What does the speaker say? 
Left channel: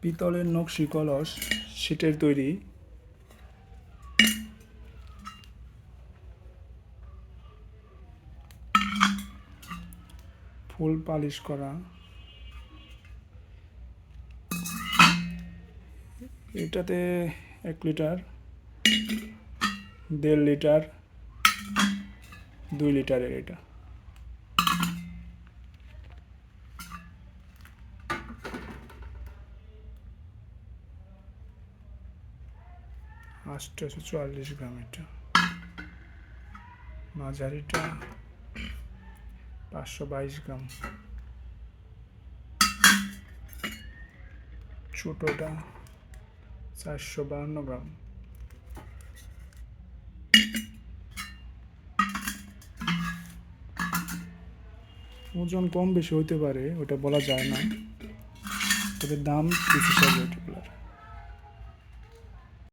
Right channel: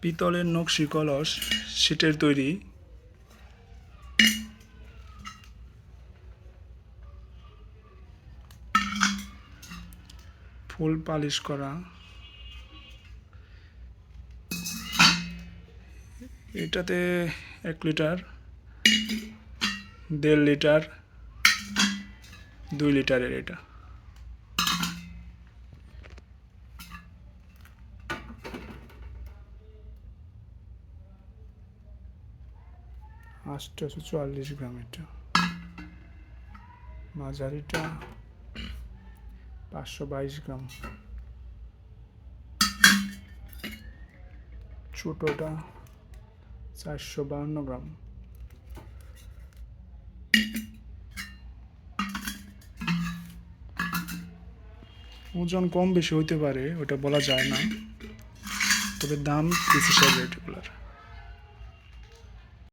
পিতলের নকশি কলস সিটের তৈরি। ফুল পালিশ করা। এটাতে এক লিটার, দেড় লিটার, দুই লিটারের এটা। আটশোশো চুয়াল্লিশ গ্রাম এটা। মাঝারিটা পাঁচশো বাইশ গ্রাম। ছোটোটা চারশো বাহান্ন গ্রাম। ওজন কম বেশি হইতে পারে, ওটা বলা যায় না। তবে দাম হিসাবে এটাগুলার